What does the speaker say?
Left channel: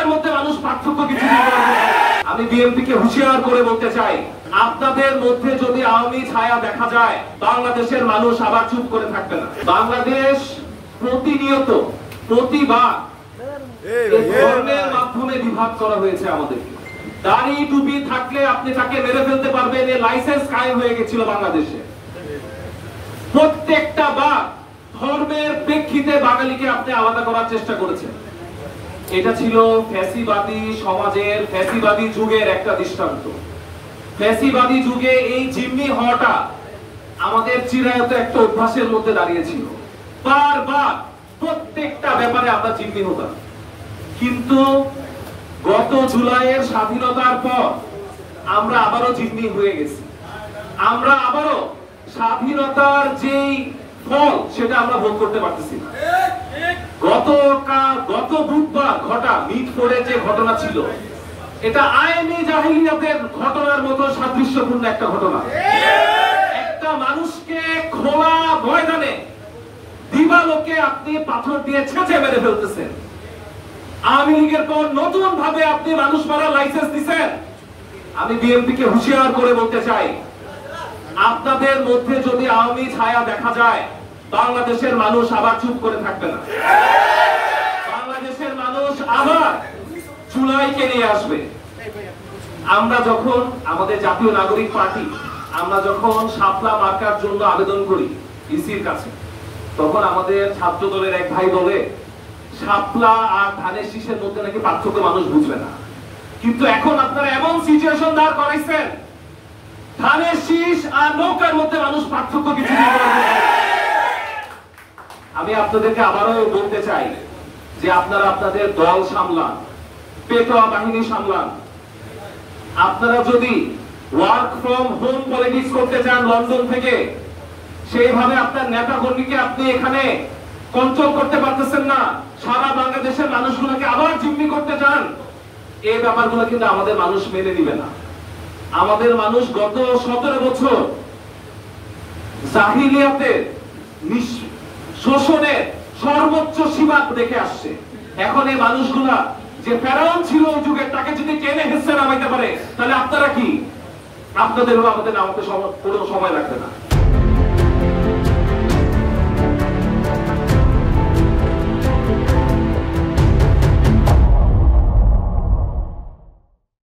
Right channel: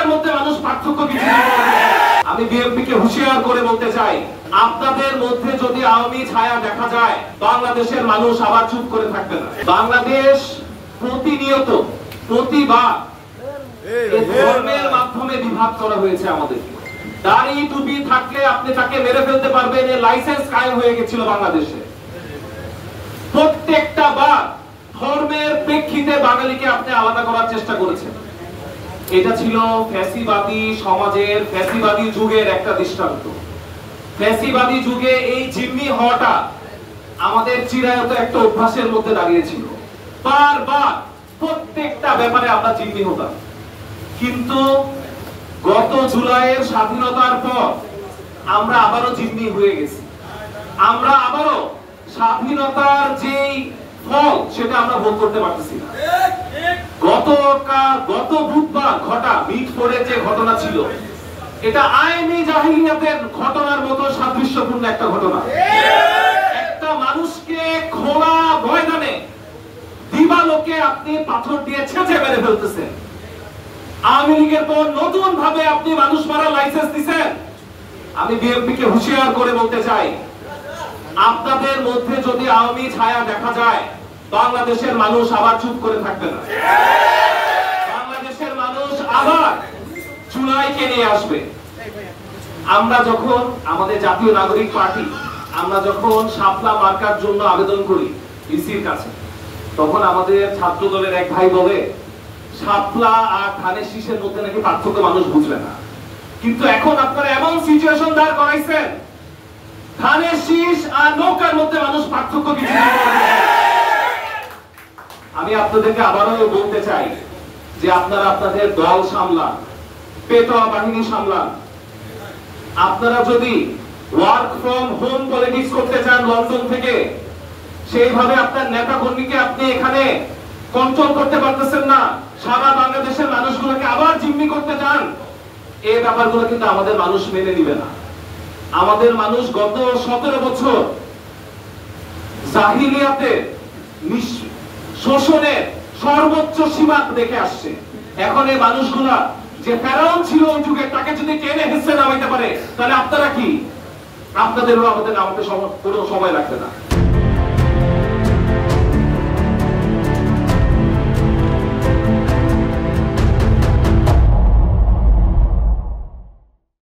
নৌকার মধ্যে মানুষ পার্থক্য কিছু নেই। আমি বিএনপিকে হুঁশিয়ার করে বলতে চাই, আপনাদের মধ্যে যদি আওয়ামী ছায়া দেখা যায়, বাংলাদেশের মানুষ আবার চুপ করে থাকবে না। বাংলাদেশ প্রতিনিয়ত প্রতিবার ধর্মের মাধ্যমে বিভাগ করা হয়েছে। আমাদের দাড়ি টুপি থাকলে আপনি তাকে মেরে ফেলতে পারবেন, এই লাইসেন্স কায়েম হয়ে গেছিল বাংলাদেশে। প্রত্যেকটা বার ধর্মের প্রেক্ষিতে বাঙালিকে আপনি আলাদা করার চেষ্টা করেছেন। এটা ছিল ফ্যাসিবাদী সমাজের, ফ্যাসিবাদী যুগের একটা দৃষ্টান্ত। ফ্যাসিবাদী যুগে এই জিম্মি হওয়াটা আমাদের চিরায়ত একটা অভ্যাসের মধ্যে দাঁড়িয়েছিল। বারবার প্রত্যেকটা ব্যাপারে আমরা জিম্মি হতাম। কিন্তু গত জুলাইয়ের স্বাধীনতার পর আমরা আবারও জিম্মি হয়ে গেছি। আমরা আবারও স্বাধীনতার যেই ফল সেটা আমরা ভোগ করতে পারতেছি না। গত বুধবার ঘটা মিটফোর্ডে যে ঘটনা ছিল, এটা আইনি জাহিলিয়াতের ঘটনার মতো সাদৃশ্যপূর্ণ একটা ঘটনা। একটা মানুষকে খোলা ময়দানে দিবালোকে আপনি পাথর দিয়ে ছেঁচে মেরে ফেলতেছেন। আওয়ামী লীগের পর নতুন ভাবে আপনি মানুষ মারার লাইসেন্স দিচ্ছেন। আমি বিএনপিকে হুঁশিয়ার করে বলতে চাই, আপনাদের মধ্যে যদি আওয়ামী ছায়া দেখা যায়, বাংলাদেশের মানুষ আবার চুপ করে থাকবে না। বাংলাদেশের মানুষ আবার চুলাইকে নিয়ে আসবে। আমরা যখন আমাদের জাতীয় নাগরিক পার্টি, আমরা যখন শাপলা মার্কার জন্য আবেদন করি ইসির কাছে, তখন আমাদের ছাত্র দলের এক ভাই বলে শাপলা আর ধানের শীষের মধ্যে নাকি পার্থক্য মানুষ বুঝবে না। কিন্তু এখন আপনারা এমন সিচুয়েশন দাঁড় করাইছেন, ধানের শীষ আর নৌকার মধ্যে মানুষ পার্থক্য কিছু নেই। আমি আপনাদেরকে আবারও বলতে চাই যে আপনারা আপনাদের দল সামলান, পেটোয়া বাহিনী সামলান। আপনারা যদি ওয়ার্ক ফ্রম হোম পলিটিক্স করতে চান লন্ডন থেকে, সেইভাবে আপনার নেতা কর্মীকে আপনি এখানে কন্ট্রোল করতে পারতেছেন না, সারা বাংলাদেশের মানুষগুলোকে আবার জিম্মি করতে চান, এই ব্যাপারগুলো কিন্তু আমাদের মানুষ মেনে নিবে না। আমাদের মানুষ গত 17 বছর জাহিলিয়াতে শোষণের সর্বোচ্চ সীমা দেখে আসছে। এখন এই মানুষগুলা যে ফেরাউন ছিল ওই যুগে, তাকে যদি টেনে হেসে নামাইতে পারে, তাহলে আপনারা কি? আপনাদেরও আমাদের নামতে কোনো সময় লাগবে না।